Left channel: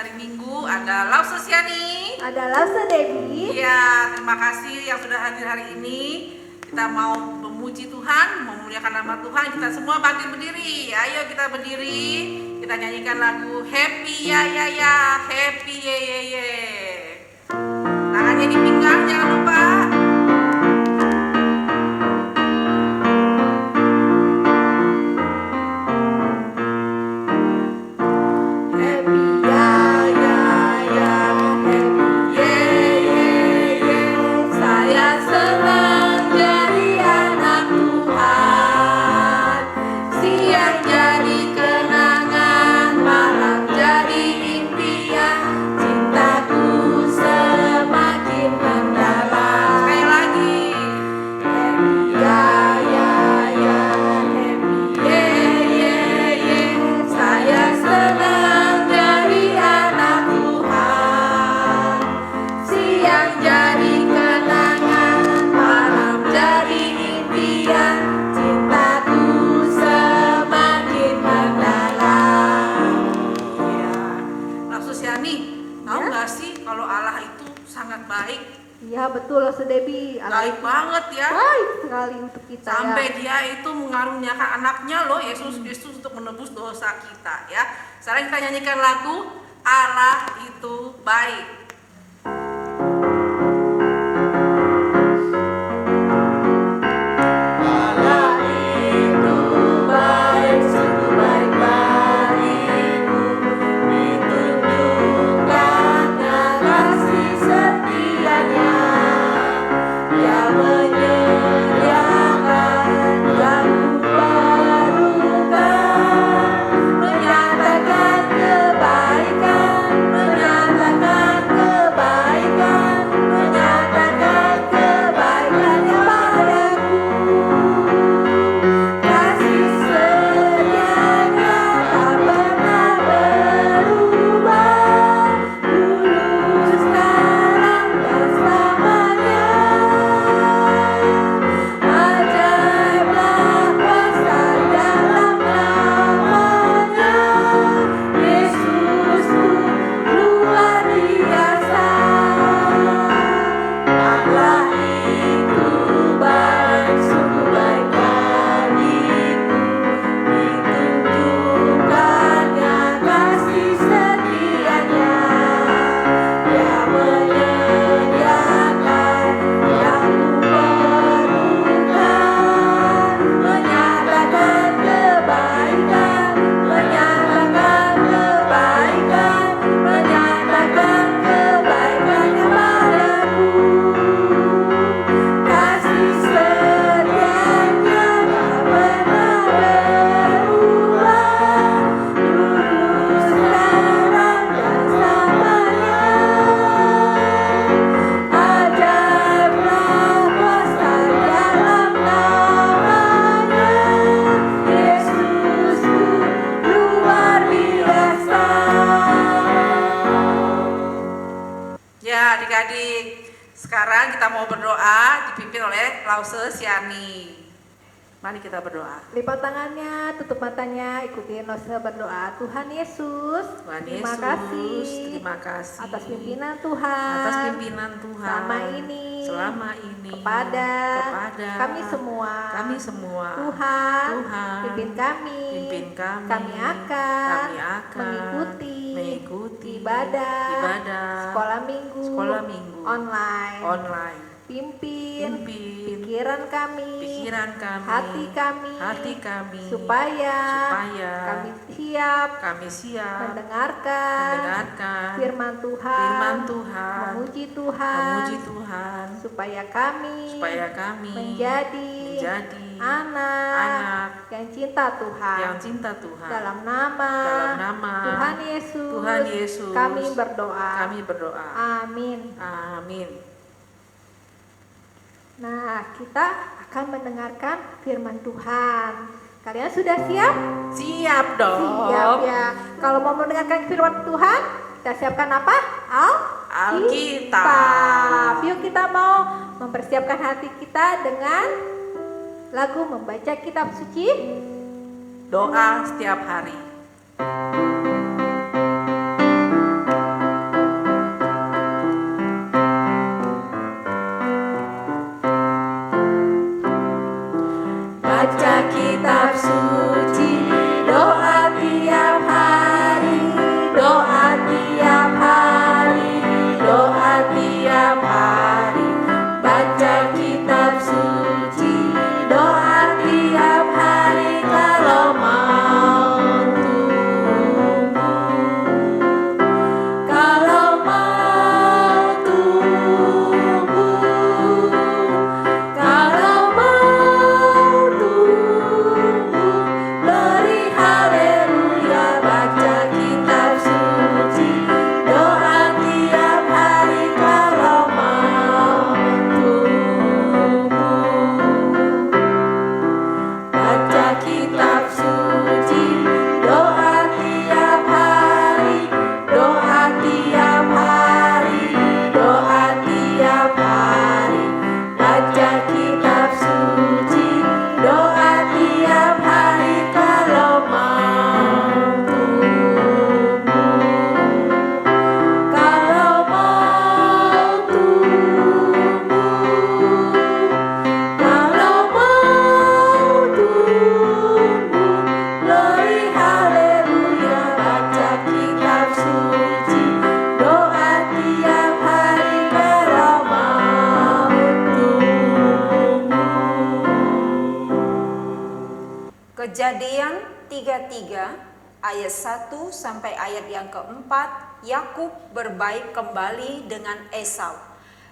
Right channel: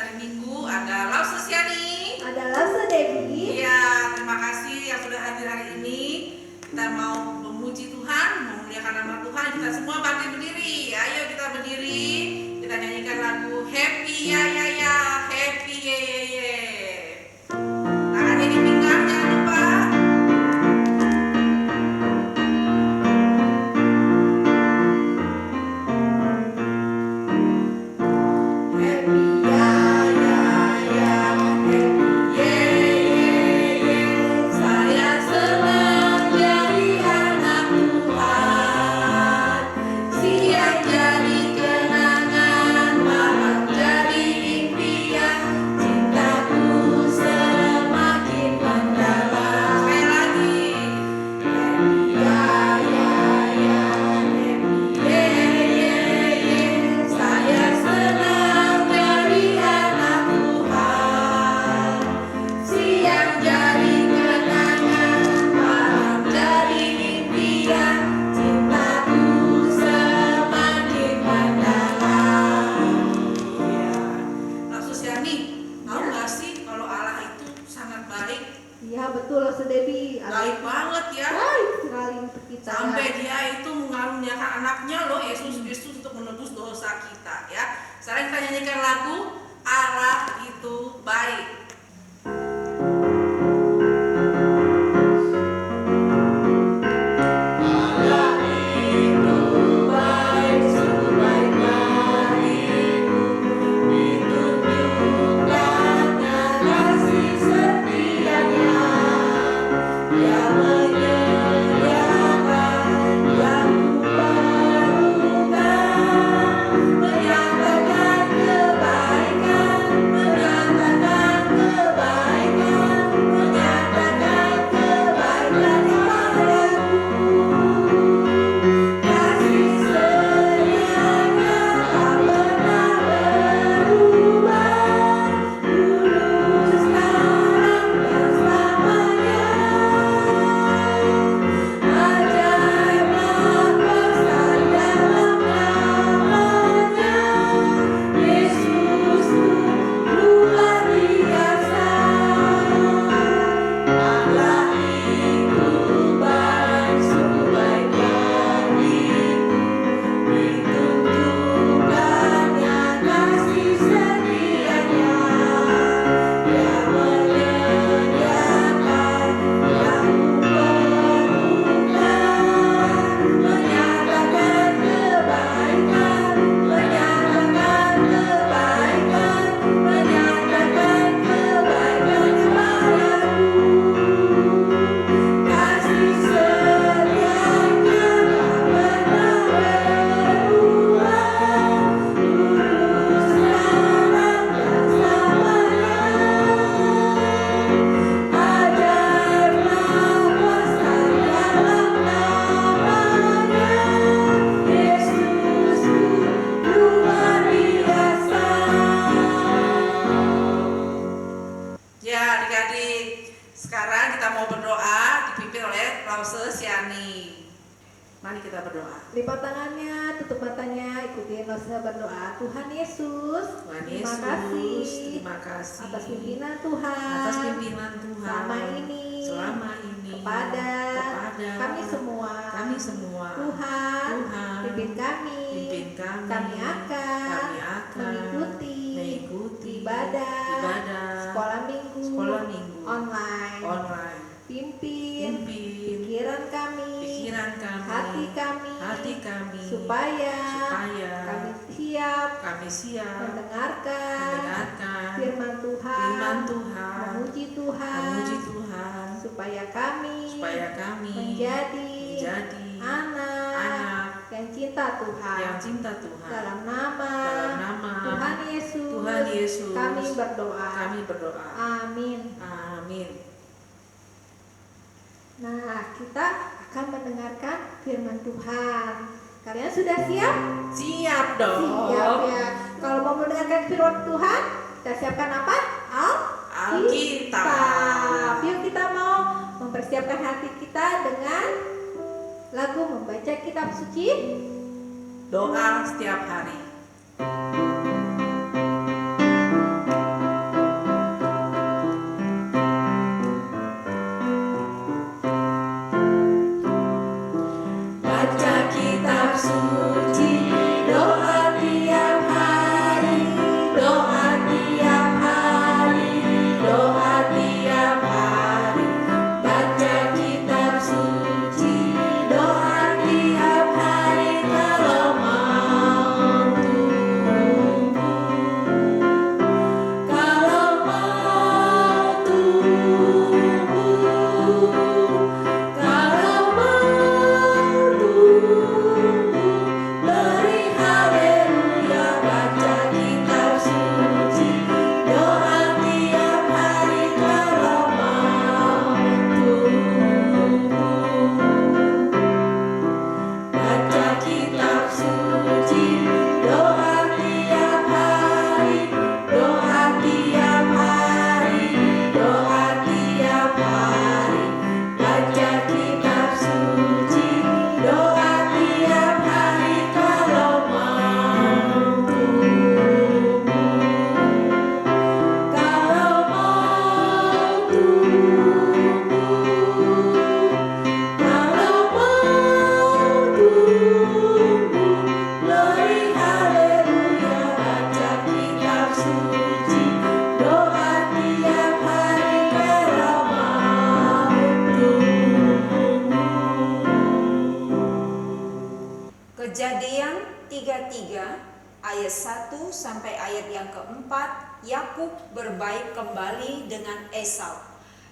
hari Minggu. Ada Lause Siani, ada Lause Debbie. Iya, terima kasih yang sudah hadir hari ini. Kita mau memuji Tuhan, memuliakan nama Tuhan. Kita semua bangkit berdiri. Ayo kita berdiri. Kita nyanyikan lagu Happy Ya Ya Ya, Happy Ye Ye Ye. Tangannya di pinggang, jangan lupa. Betul, Lause Debbie. Baik banget ya. Baik sekali untuk kita. Sampai dia itu mengaruniakan anaknya loh, Yesus Kristus, untuk menebus dosa kita ya. Sekarang kita nyanyikan lagu Allah itu baik. Sekarang kita mau berdoa dipimpin oleh Lause Siani. Mari kita berdoa. Lipat tangannya, tutup matanya, ikuti Lause berdoa. Tuhan Yesus, terima kasih atas pimpinan Tuhan. Selama ini kepada kami semua. Tuhan, pimpin kami. Kami akan mengikuti ibadah sekolah minggu online. Pimpin pikiran kami, hati kami, supaya kami siap mendengarkan firman Tuhan, memuji Tuhan, supaya kami menjadi anak yang cinta Tuhan. Dalam nama Tuhan Yesus, kami berdoa. Amin. Nah, kita akan mendengarkan firman Tuhan. Kalian sudah siap? Siap dong. Siap ya. Kalau mau mendengarkan firman Tuhan, kita siapkan apa? Alkitab. Yuk kita mau mempersiapkan hati kita dengan lagu membaca kitab suci, doa setiap hari. Kejadian 33 ayat 1 sampai ayat yang keempat, Yakub berbaik kembali dengan Esau.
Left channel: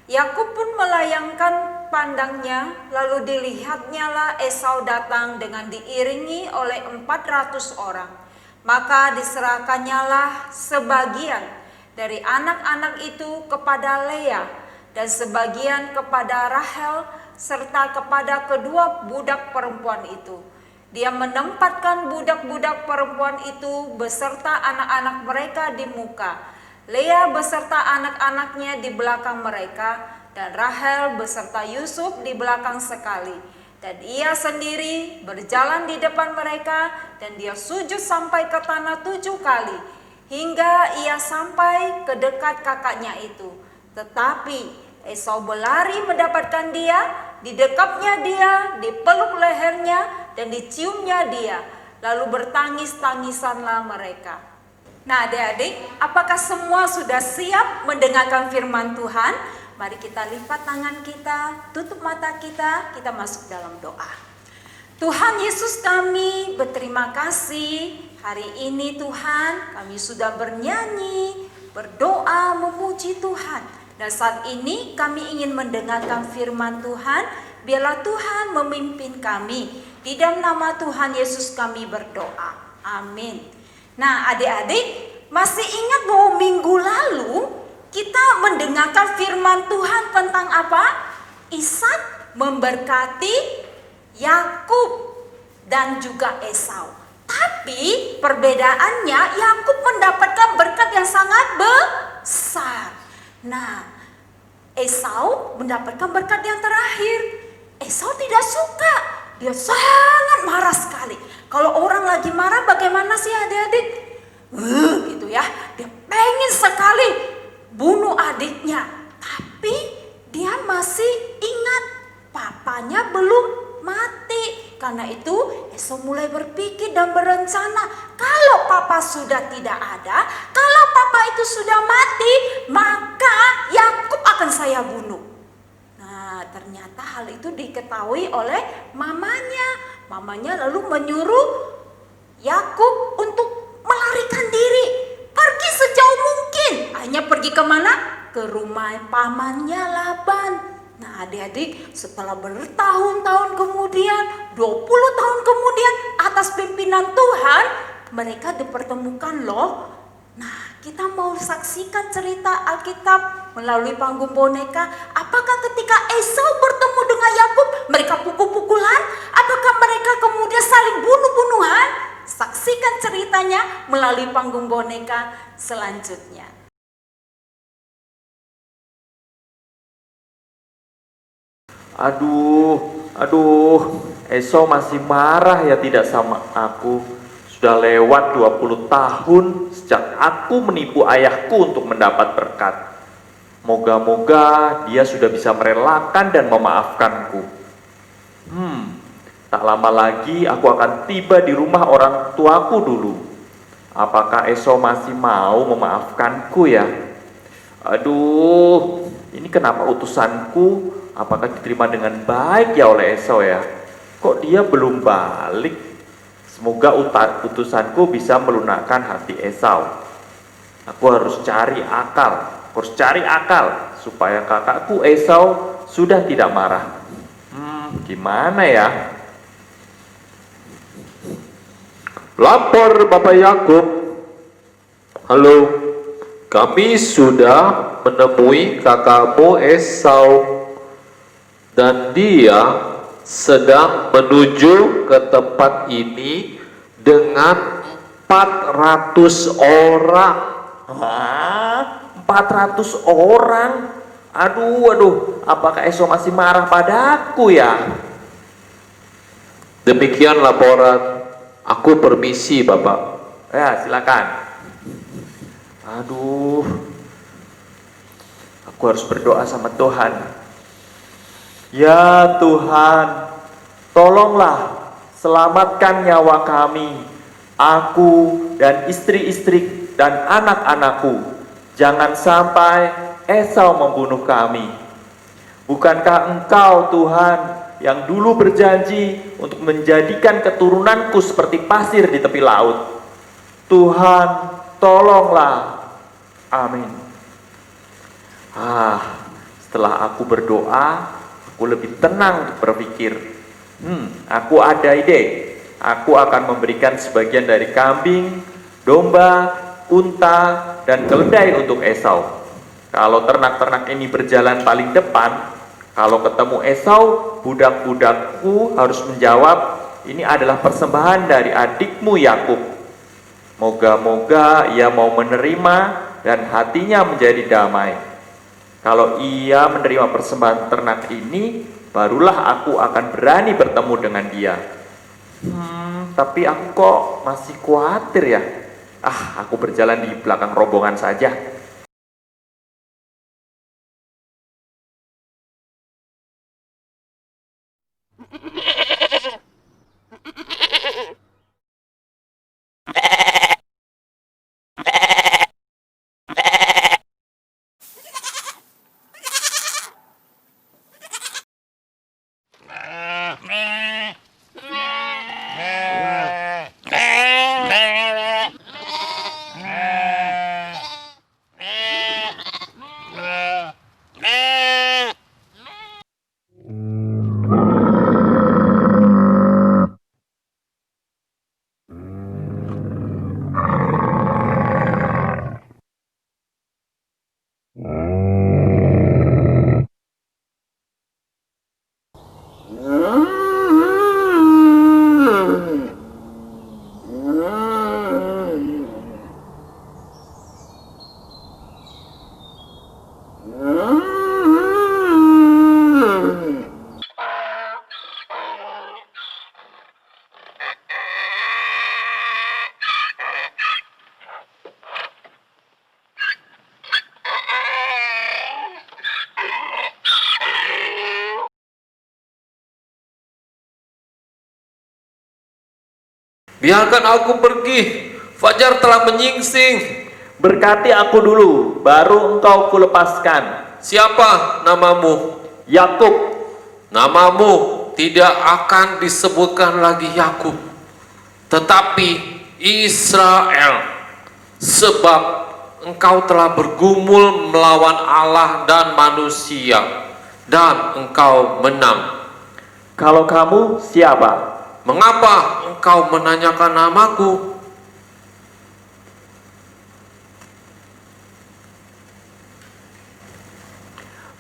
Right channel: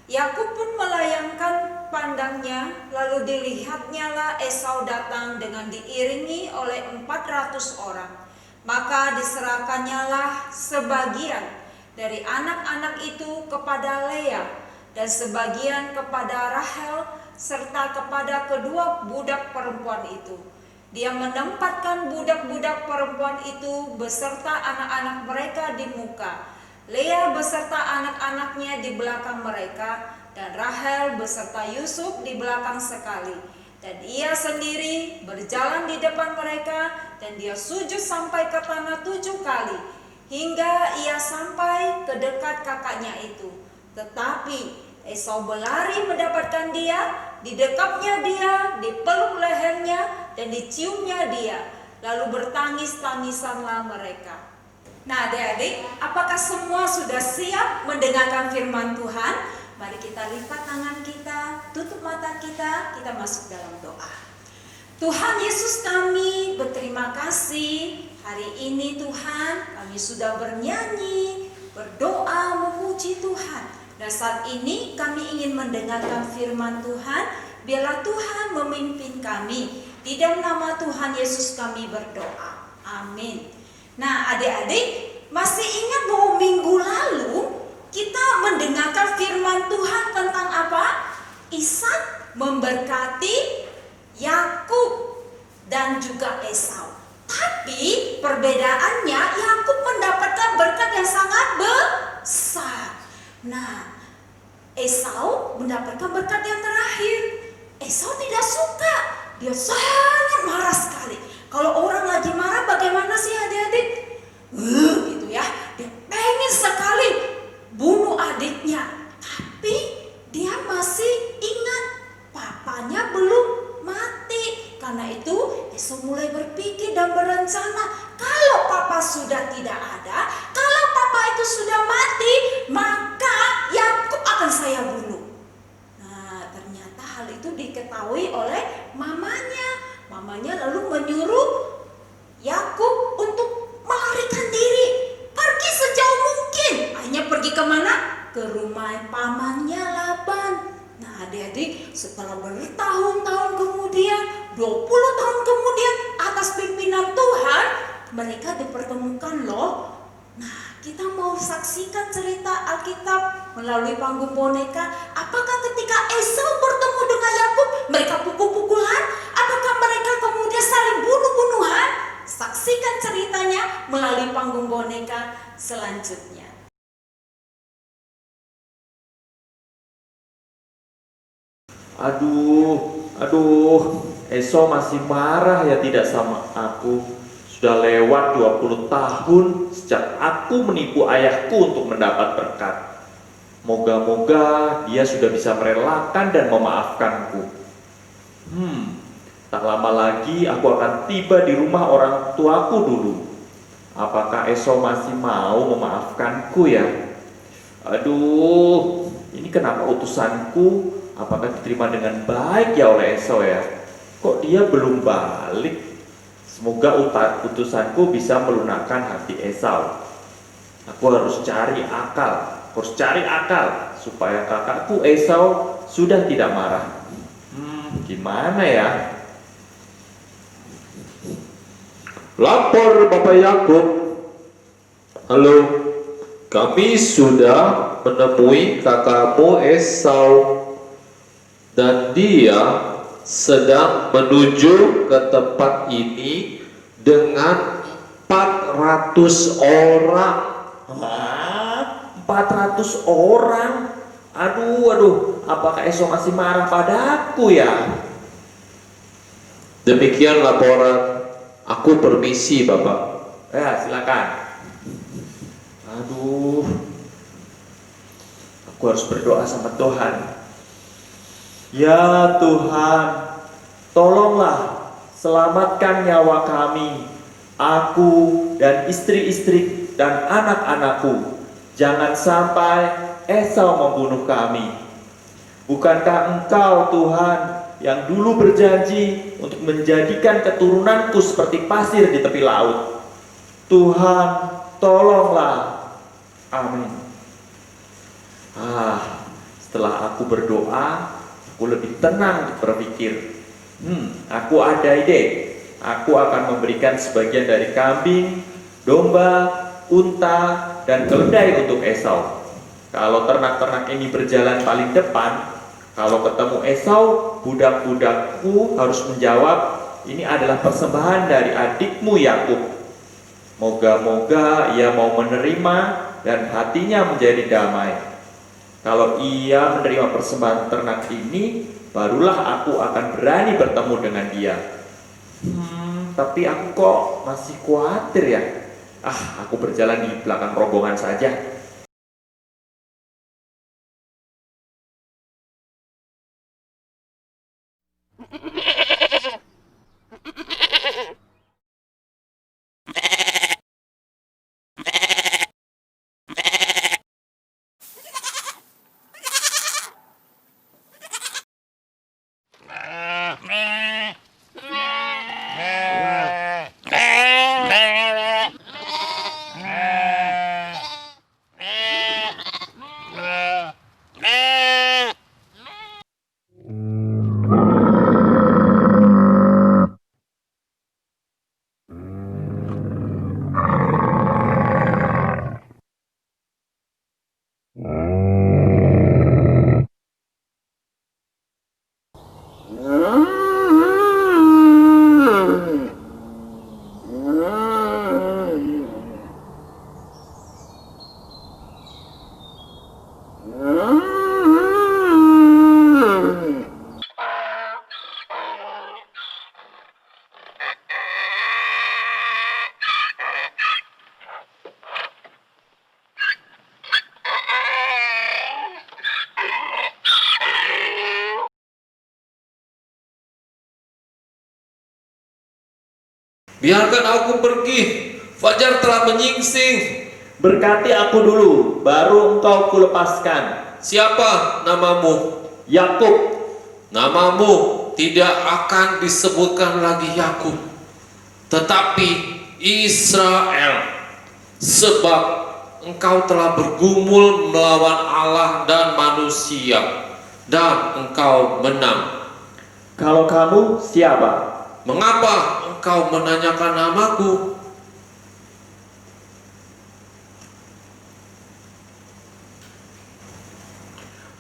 Yakub pun melayangkan pandangnya, lalu dilihatnya lah Esau datang dengan diiringi oleh 400 orang. Maka diserahkannya lah sebagian dari anak-anak itu kepada Lea dan sebagian kepada Rahel serta kepada kedua budak perempuan itu. Dia menempatkan budak-budak perempuan itu beserta anak-anak mereka di muka, Lea beserta anak-anaknya di belakang mereka, dan Rahel beserta Yusuf di belakang sekali. Dan ia sendiri berjalan di depan mereka, dan dia sujud sampai ke tanah 7 kali, hingga ia sampai ke dekat kakaknya itu. Tetapi Esau berlari mendapatkan dia, didekapnya dia, dipeluk lehernya, dan diciumnya dia. Lalu bertangis-tangisanlah mereka. Nah adik-adik, apakah semua sudah siap mendengarkan firman Tuhan? Mari kita lipat tangan kita, tutup mata kita masuk dalam doa. Tuhan Yesus, kami berterima kasih hari ini Tuhan, kami sudah bernyanyi, berdoa, memuji Tuhan. Dan saat ini kami ingin mendengarkan firman Tuhan, biarlah Tuhan memimpin kami. Di dalam nama Tuhan Yesus kami berdoa, amin. Nah adik-adik, masih ingat bahwa minggu lalu kita mendengarkan firman Tuhan tentang apa? Ishak memberkati Yakub dan juga Esau. Tapi perbedaannya, Yakub mendapatkan berkat yang sangat besar. Nah, Esau mendapatkan berkat yang terakhir. Esau tidak suka, dia sangat marah sekali. Kalau orang lagi marah bagaimana sih adik-adik? Gitu ya, dia pengen sekali bunuh adiknya. Tapi dia masih ingat papanya belum mati. Karena itu Esau mulai berpikir dan berencana, kalau papa sudah tidak ada, kalau papa itu sudah mati, maka Yakub akan saya bunuh. Nah ternyata hal itu diketahui oleh mamanya. Mamanya lalu menyuruh Yakub untuk melarikan diri, pergi sejauh mungkin. Hanya pergi kemana? Ke rumah pamannya Laban. Nah adik-adik, setelah bertahun-tahun kemudian, 20 tahun kemudian, atas pimpinan Tuhan, mereka dipertemukan loh. Nah kita mau saksikan cerita Alkitab melalui panggung boneka. Apakah ketika Esau bertemu dengan Yakub, mereka pukul-pukulan? Apakah mereka kemudian saling bunuh-bunuhan? Saksikan ceritanya melalui panggung boneka selanjutnya. Aduh, Esau masih marah ya tidak sama aku. Sudah lewat 20 tahun sejak aku menipu ayahku untuk mendapat berkat. Moga-moga dia sudah bisa merelakan dan memaafkanku. Tak lama lagi aku akan tiba di rumah orang tuaku dulu. Apakah Esau masih mau memaafkanku ya? Aduh, ini kenapa utusanku? Apakah diterima dengan baik ya oleh Esau ya? Kok dia belum balik? Semoga utusanku bisa melunakkan hati Esau. Aku harus cari akal supaya kakakku Esau sudah tidak marah. Gimana ya? Lapor Bapak Yakub. Halo, kami sudah menemui kakakmu Esau dan dia sedang menuju ke tempat ini dengan 400 orang. 400 orang? Aduh, apakah Esau masih marah padaku ya? Demikian laporan. Aku permisi Bapak. Ya, silakan. Aduh, aku harus berdoa sama Tuhan. Ya Tuhan, tolonglah selamatkan nyawa kami, aku dan istri-istri dan anak-anakku. Jangan sampai Esau membunuh kami. Bukankah Engkau Tuhan yang dulu berjanji untuk menjadikan keturunanku seperti pasir di tepi laut. Tuhan, tolonglah. Amin. Setelah aku berdoa, aku lebih tenang berpikir. Aku ada ide. Aku akan memberikan sebagian dari kambing, domba, unta, dan keledai untuk Esau. Kalau ternak-ternak ini berjalan paling depan, kalau ketemu Esau, budak-budakku harus menjawab, ini adalah persembahan dari adikmu Yakub. Moga-moga ia mau menerima dan hatinya menjadi damai. Kalau ia menerima persembahan ternak ini, barulah aku akan berani bertemu dengan dia. Tapi aku kok masih khawatir ya. Aku berjalan di belakang rombongan saja. Biarkan aku pergi, fajar telah menyingsing. Berkati aku dulu, baru engkau kulepaskan. Siapa namamu? Yakub. Namamu tidak akan disebutkan lagi Yakub, tetapi Israel, sebab engkau telah bergumul melawan Allah dan manusia, dan engkau menang. Kalau kamu siapa? Mengapa engkau menanyakan namaku?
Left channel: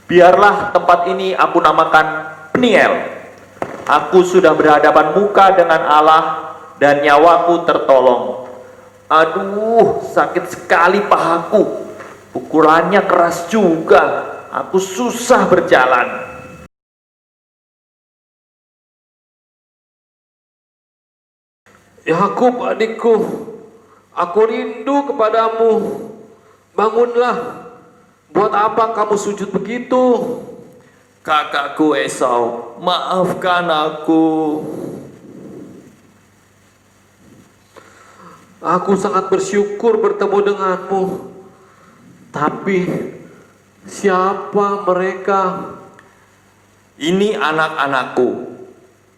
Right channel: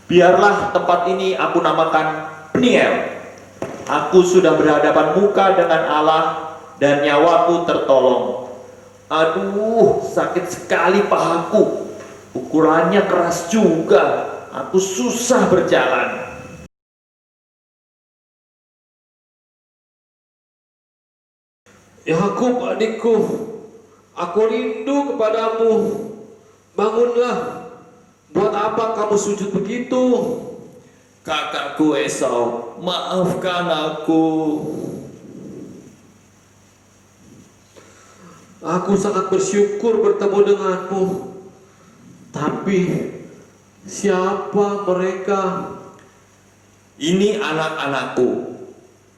Biarlah tempat ini aku namakan Peniel. Aku sudah berhadapan muka dengan Allah dan nyawaku tertolong. Aduh, sakit sekali pahaku. Pukulannya keras juga. Aku susah berjalan. Yakub adikku, aku rindu kepadamu. Bangunlah. Buat apa kamu sujud begitu? Kakakku Esau, maafkan aku. Aku sangat bersyukur bertemu denganmu. Tapi siapa mereka? Ini anak-anakku.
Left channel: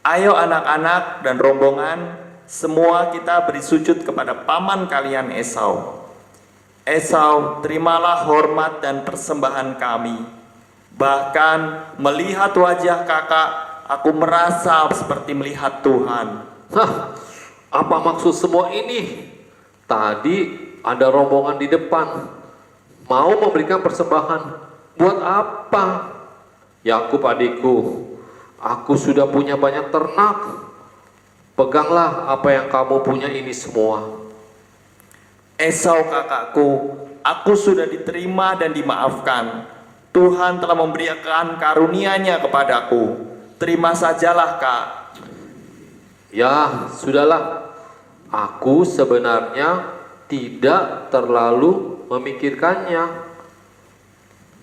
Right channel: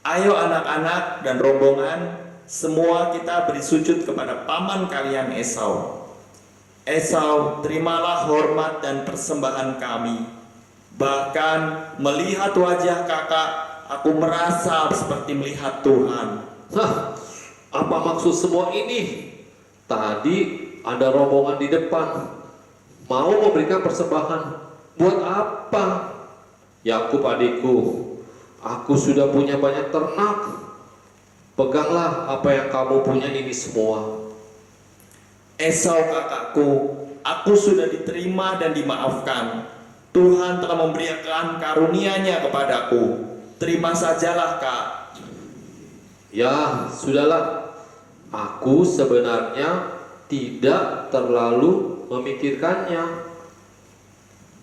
Ayo anak-anak dan rombongan, semua kita beri sujud kepada paman kalian Esau. Esau, terimalah hormat dan persembahan kami. Bahkan melihat wajah kakak, aku merasa seperti melihat Tuhan. Apa maksud semua ini? Tadi ada rombongan di depan, mau memberikan persembahan. Buat apa? Yakub adikku, aku sudah punya banyak ternak. Peganglah apa yang kamu punya ini semua. Esau kakakku, aku sudah diterima dan dimaafkan. Tuhan telah memberikan karunia-Nya kepadaku. Terima sajalah, Kak. Ya, sudahlah. Aku sebenarnya tidak terlalu memikirkannya.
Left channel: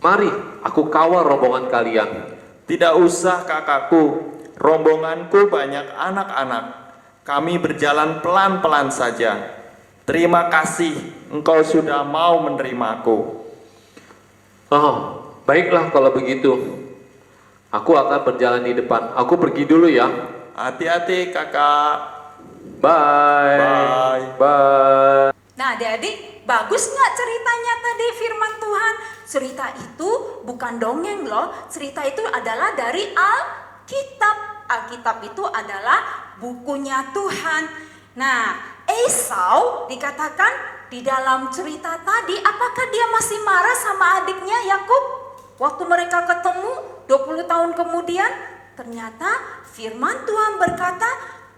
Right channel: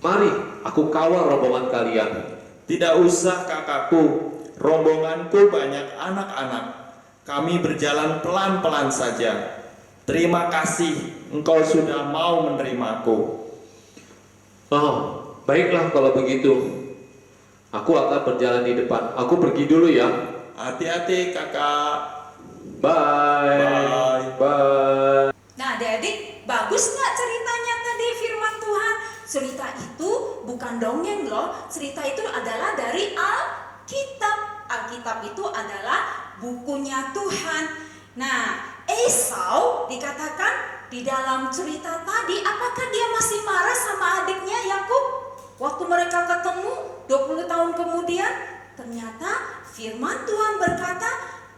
Mari, aku kawal rombongan kalian. Tidak usah, kakakku. Rombonganku banyak anak-anak. Kami berjalan pelan-pelan saja. Terima kasih, engkau sudah mau menerimaku. Baiklah kalau begitu. Aku akan berjalan di depan. Aku pergi dulu ya. Hati-hati kakak. Bye. Bye. Bye. Nah adik-adik, bagus nggak ceritanya tadi firman Tuhan? Cerita itu bukan dongeng loh. Cerita itu adalah dari Alkitab. Alkitab itu adalah bukunya Tuhan. Nah, Esau dikatakan di dalam cerita tadi, apakah dia masih marah sama adiknya Yakub? Waktu mereka ketemu 20 tahun kemudian, ternyata firman Tuhan berkata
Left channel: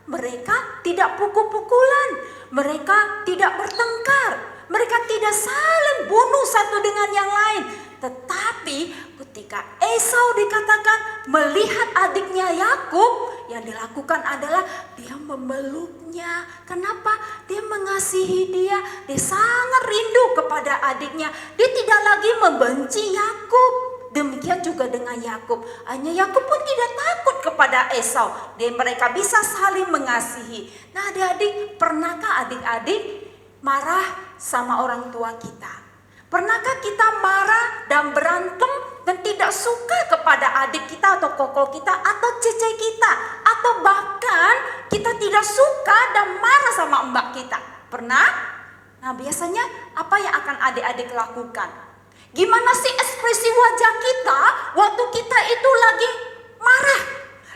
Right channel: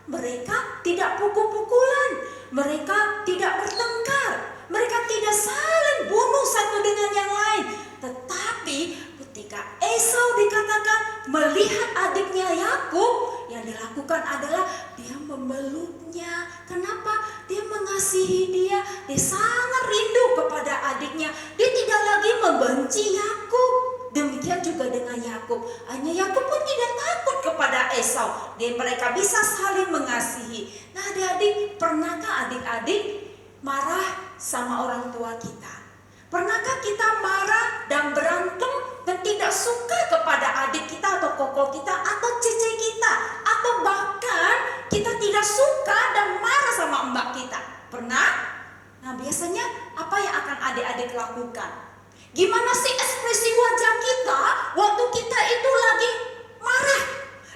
mereka tidak pukul-pukulan, mereka tidak bertengkar, mereka tidak saling bunuh satu dengan yang lain. Tetapi ketika Esau dikatakan melihat adiknya Yakub, yang dilakukan adalah dia memeluknya. Kenapa? Dia mengasihi dia, dia sangat rindu kepada adiknya. Dia tidak lagi membenci Yakub. Demikian juga dengan Yakub. Hanya Yakub pun tidak takut kepada Esau. Dan mereka bisa saling mengasihi. Nah adik-adik, pernahkah adik-adik marah sama orang tua kita? Pernahkah kita marah dan berantem dan tidak suka kepada adik kita atau koko kita atau cece kita? Atau bahkan kita tidak suka dan marah sama mbak kita? Pernah? Nah biasanya apa yang akan adik-adik lakukan? Gimana sih ekspresi wajah kita waktu kita itu lagi marah?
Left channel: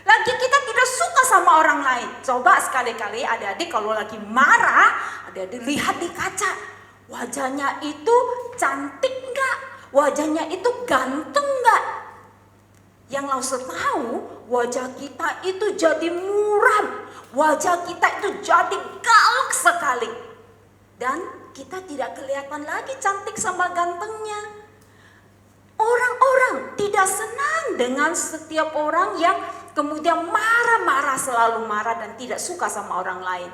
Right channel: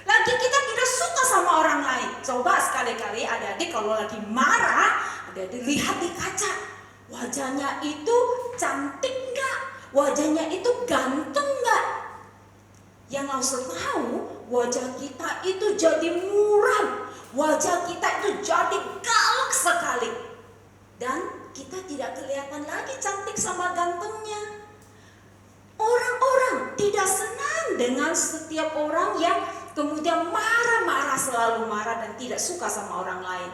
Lagi kita tidak suka sama orang lain. Coba sekali-kali adik-adik kalau lagi marah, adik-adik lihat di kaca. Wajahnya itu cantik enggak? Wajahnya itu ganteng enggak? Yang langsung tahu wajah kita itu jadi muram. Wajah kita itu jadi galak sekali. Dan kita tidak kelihatan lagi cantik sama gantengnya. Orang-orang tidak senang dengan setiap orang yang kemudian marah-marah, selalu marah dan tidak suka sama orang lain.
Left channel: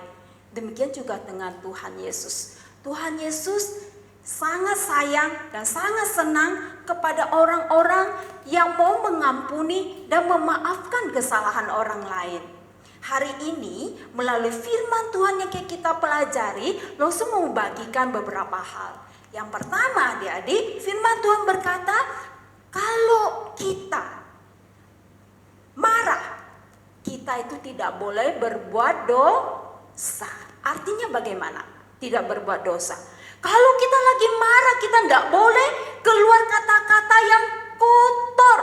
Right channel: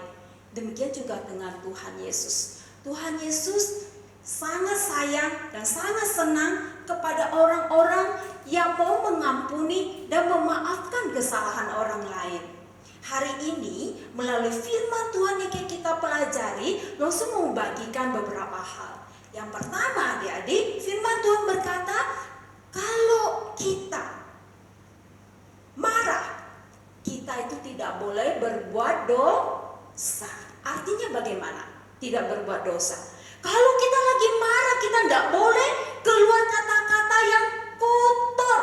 Demikian juga dengan Tuhan Yesus. Tuhan Yesus sangat sayang dan sangat senang kepada orang-orang yang mau mengampuni dan memaafkan kesalahan orang lain. Hari ini melalui firman Tuhan yang kita pelajari, langsung mau bagikan beberapa hal. Yang pertama adik-adik, firman Tuhan berkata, kalau kita marah, kita itu tidak boleh berbuat dosa. Artinya bagaimana? Tidak berbuat dosa. Kalau kita lagi marah, kita tidak boleh keluar kata-kata yang kotor.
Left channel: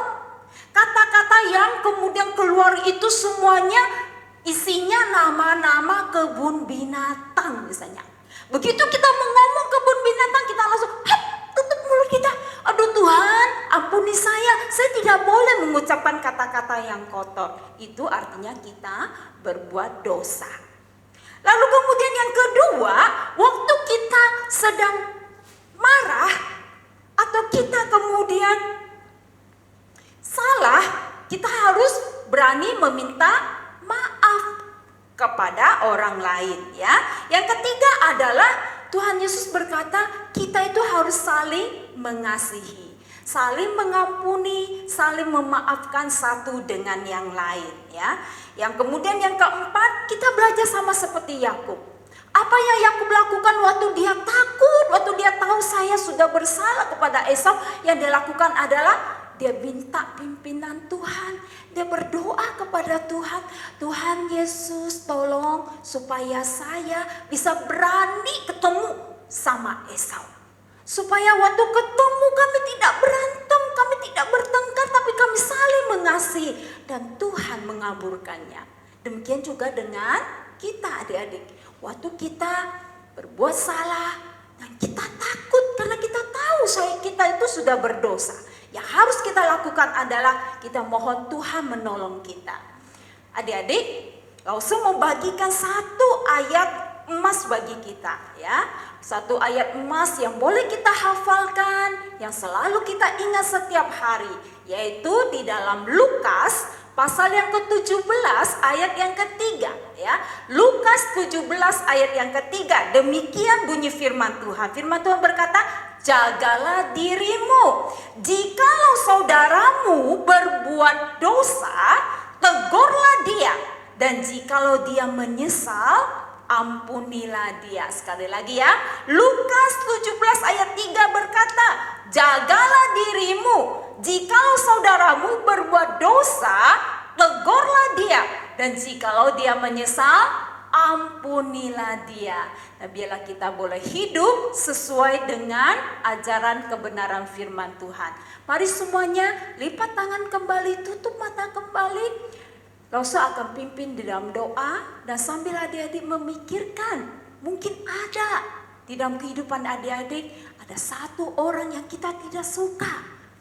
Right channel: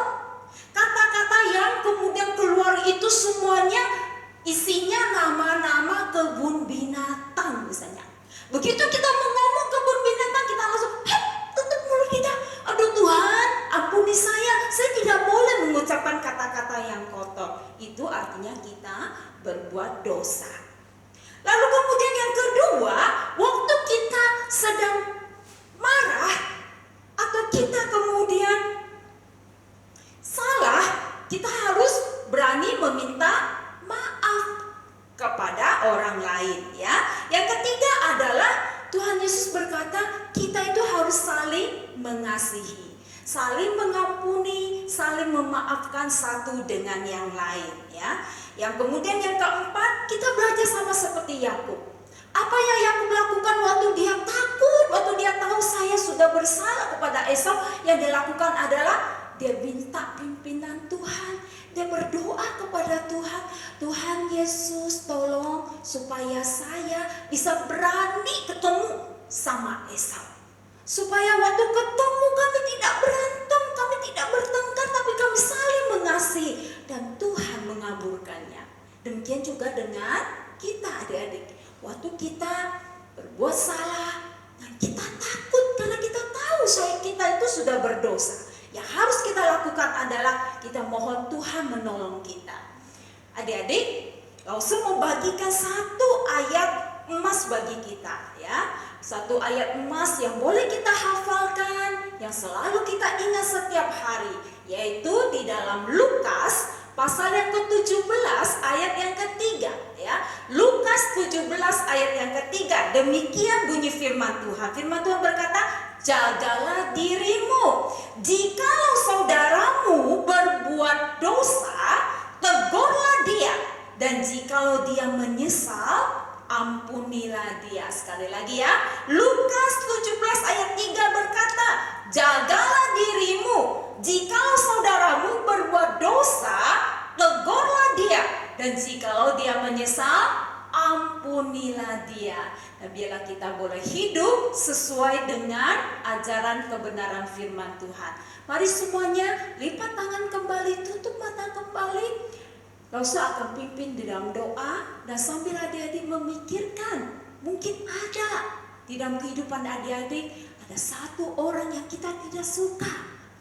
Kata-kata yang kemudian keluar itu semuanya isinya nama-nama kebun binatang misalnya. Begitu kita mau ngomong kebun binatang, kita langsung tutup mulut kita. Aduh Tuhan, ampuni saya tidak boleh mengucapkan kata-kata yang kotor. Itu artinya kita berbuat dosa. Lalu kemudian yang kedua, waktu kita sedang marah atau kita kemudian salah, kita harus berani meminta maaf kepada orang lain ya. Yang ketiga adalah Tuhan Yesus berkata kita itu harus saling mengasihi, saling mengampuni, saling memaafkan satu dengan yang lain ya. Yang kemudian yang keempat, kita belajar sama seperti Yakub. Apa yang Yakub lakukan waktu dia takut, waktu dia tahu saya sudah bersalah kepada Esau, yang dia lakukan adalah dia minta pimpinan Tuhan. Dia berdoa kepada Tuhan, Tuhan Yesus tolong supaya saya bisa berani ketemu sama Esau. Supaya waktu ketemu kami tidak berantem, kami tidak bertengkar, tapi kami saling mengasihi. Dan Tuhan mengabulkannya. Demikian juga dengan kita adik-adik. Waktu kita berbuat salah, dan kita takut karena kita tahu kita itu sudah berdosa. Yang harus kita lakukan adalah kita mohon Tuhan menolong kita. Adik-adik, langsung membagikan satu ayat emas bagi kita ya. Satu ayat emas yang boleh kita hafalkan, yang selalu kita ingat setiap hari, yaitu di dalam Lukas pasal yang ke-17 ayat yang ketiga ya. Lukas 17 ayat yang ketiga. Demikian bunyi firman Tuhan. Firman Tuhan berkata, jagalah dirimu. Jikalau saudaramu berbuat dosa, tegurlah dia. Dan jikalau dia menyesal, ampunilah dia. Sekali lagi ya, Lukas 17 ayat 3 berkata, jagalah dirimu, jikalau saudaramu berbuat dosa, tegurlah dia, dan jikalau dia menyesal, ampunilah dia. Nah, biarlah kita boleh hidup sesuai dengan ajaran kebenaran firman Tuhan. Mari semuanya lipat tangan kembali, tutup mata kembali. Lausa akan pimpin di dalam doa, dan sambil adik-adik memikirkan, mungkin ada di dalam kehidupan adik-adik ada satu orang yang kita tidak suka.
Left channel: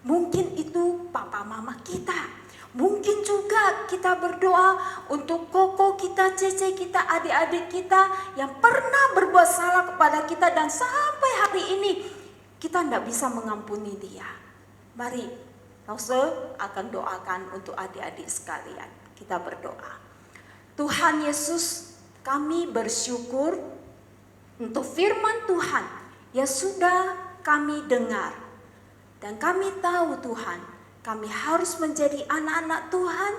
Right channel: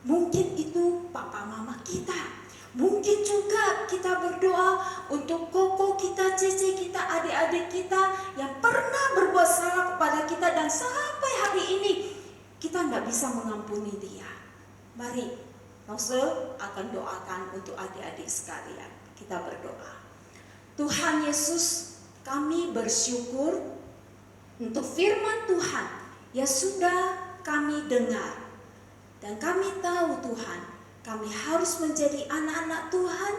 Mungkin itu papa mama kita. Mungkin juga kita berdoa untuk koko kita, cece kita, adik-adik kita yang pernah berbuat salah kepada kita dan sampai hari ini kita tidak bisa mengampuni dia. Mari, Langsung akan doakan untuk adik-adik sekalian. Kita berdoa. Tuhan Yesus, kami bersyukur untuk firman Tuhan yang sudah kami dengar. Dan kami tahu Tuhan, kami harus menjadi anak-anak Tuhan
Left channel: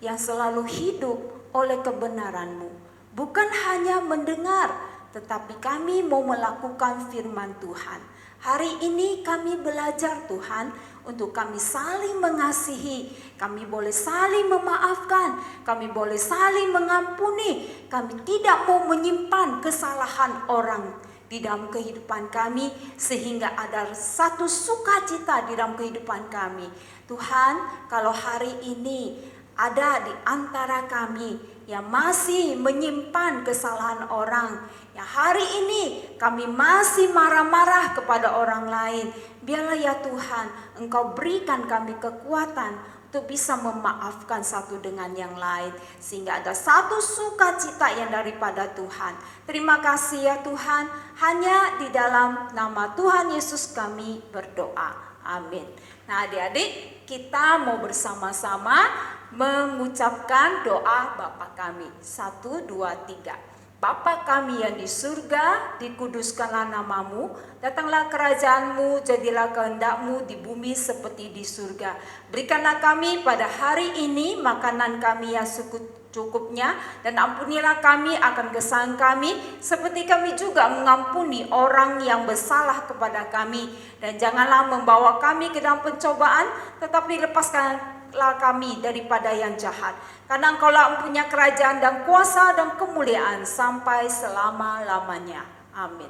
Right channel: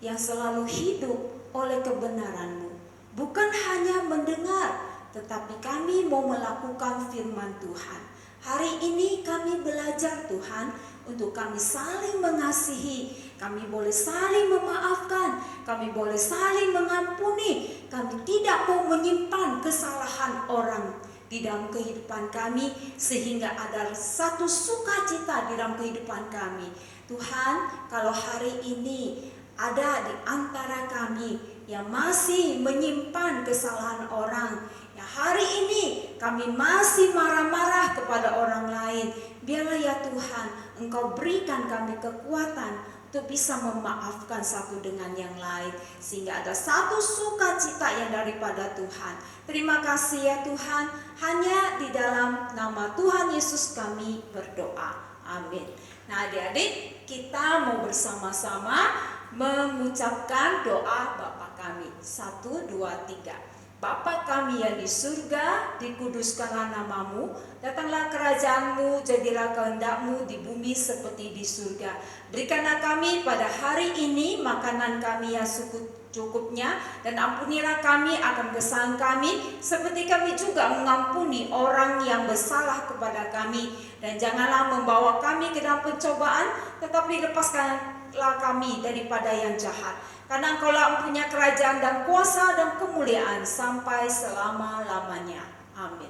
yang selalu hidup oleh kebenaran-Mu. Bukan hanya mendengar, tetapi kami mau melakukan firman Tuhan. Hari ini kami belajar Tuhan untuk kami saling mengasihi, kami boleh saling memaafkan, kami boleh saling mengampuni. Kami tidak mau menyimpan kesalahan orang di dalam kehidupan kami sehingga ada satu sukacita di dalam kehidupan kami. Tuhan, kalau hari ini ada di antara kami yang masih menyimpan kesalahan orang, yang hari ini kami masih marah-marah kepada orang lain, biarlah ya Tuhan, Engkau berikan kami kekuatan untuk bisa memaafkan satu dengan yang lain, sehingga ada satu sukacita yang daripada Tuhan. Terima kasih ya Tuhan, hanya di dalam nama Tuhan Yesus kami berdoa. Amin. Nah adik-adik, kita mau bersama-sama mengucapkan doa Bapa kami. 1, 2, 3. Bapa kami yang di surga, dikuduskanlah namamu, datanglah kerajaanmu, jadilah kehendak-Mu di bumi seperti di surga. Berikanlah kami pada hari ini makanan kami yang secukupnya, dan ampunilah kami akan kesalahan kami, seperti kami juga mengampuni orang yang bersalah kepada kami. Dan janganlah membawa kami ke dalam pencobaan, tetapi lepaskanlah kami daripada yang jahat. Karena Engkaulah punya kerajaan dan kuasa dan kemuliaan sampai selama-lamanya. Amin.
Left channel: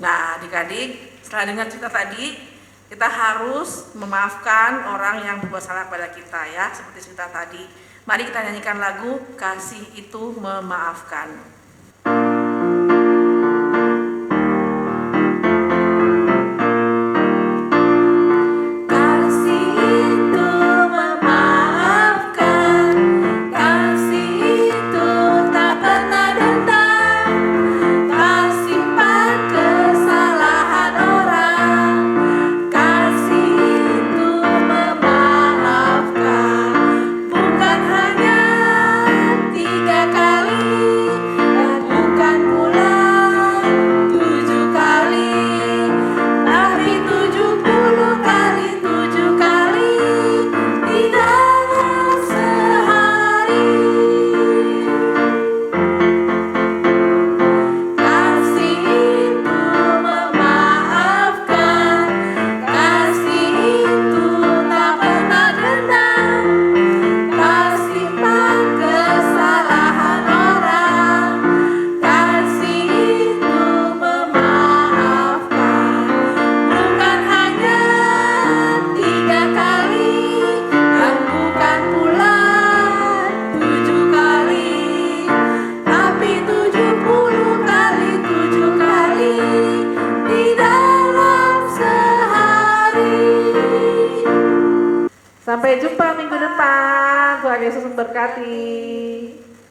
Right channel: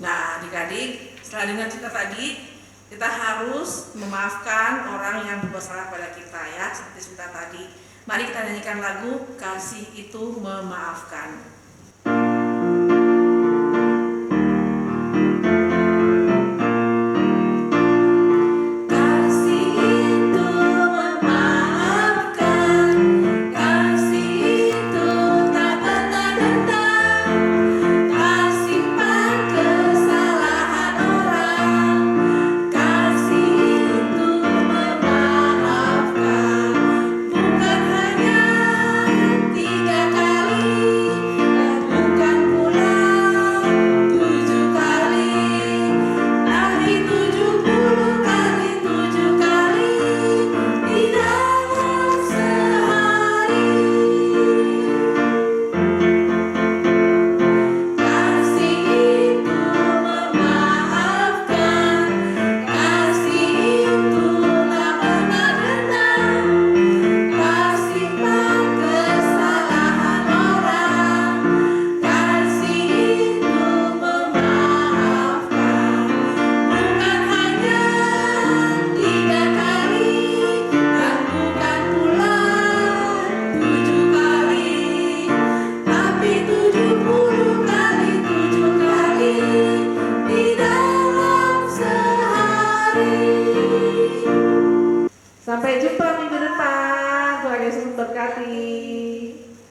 Nah adik-adik, setelah dengar cerita tadi, kita harus memaafkan orang yang berbuat salah pada kita ya, seperti cerita tadi. Mari kita nyanyikan lagu Kasih Itu Memaafkan. Sampai jumpa minggu depan. Tuhan Yesus memberkati.